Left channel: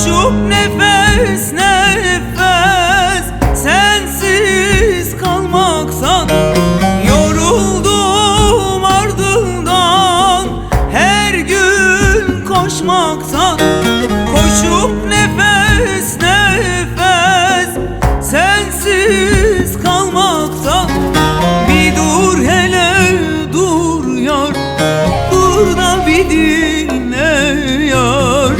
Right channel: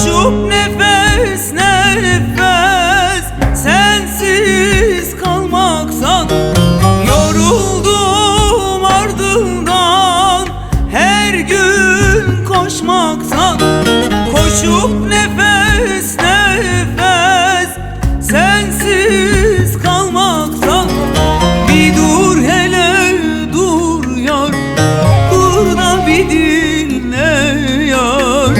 Koşup nefes nefes sensiz kalmaktan yoruldum, ardından her gün koşmaktan. Koşup nefes nefes sensiz kalmaktan. Bir dur hele dur yar, dur da bir dinle yar.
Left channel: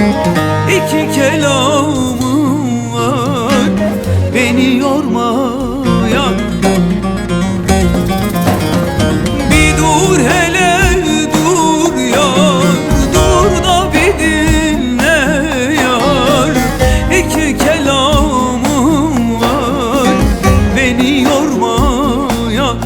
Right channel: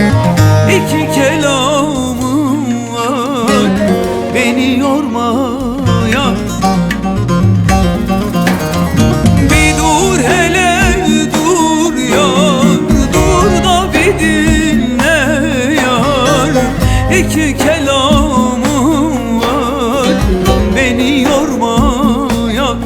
İki kelamım var, beni yorma yar. Bir dur hele dur yar, dur da bir dinle yar. İki kelamım var, beni yorma yar.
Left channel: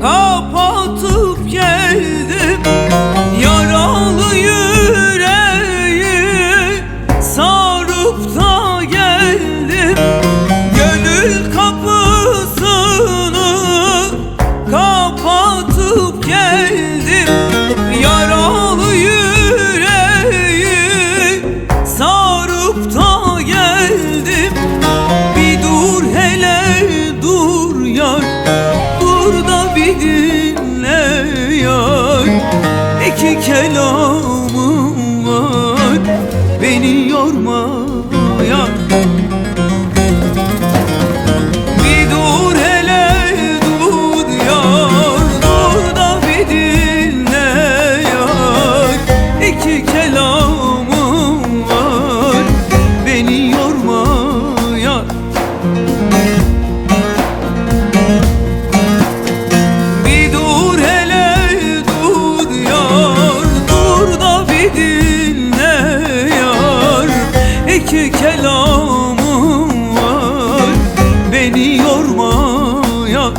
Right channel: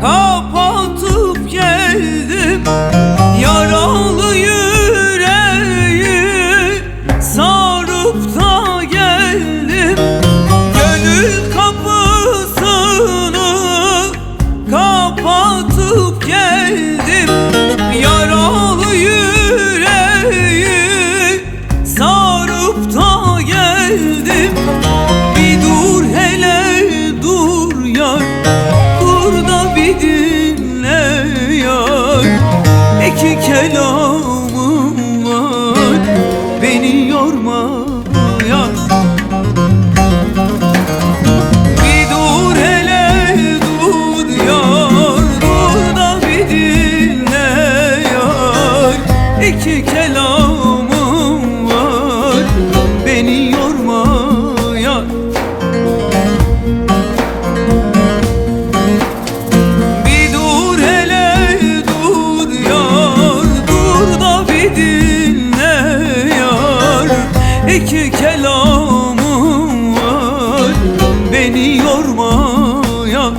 Kapatıp geldim, yaralı yüreği sarıp da geldim. Gönül kapısını kapatıp geldim, yaralı yüreği sarıp da geldim. Bir dur hele dur yar, dur da bir dinle yar. İki kelamım var, beni yorma yar. Bir dur hele dur yar, dur da bir dinle yar. İki kelamım var, beni yorma yar. Dinle yar, iki kelamım var, beni yorma yar.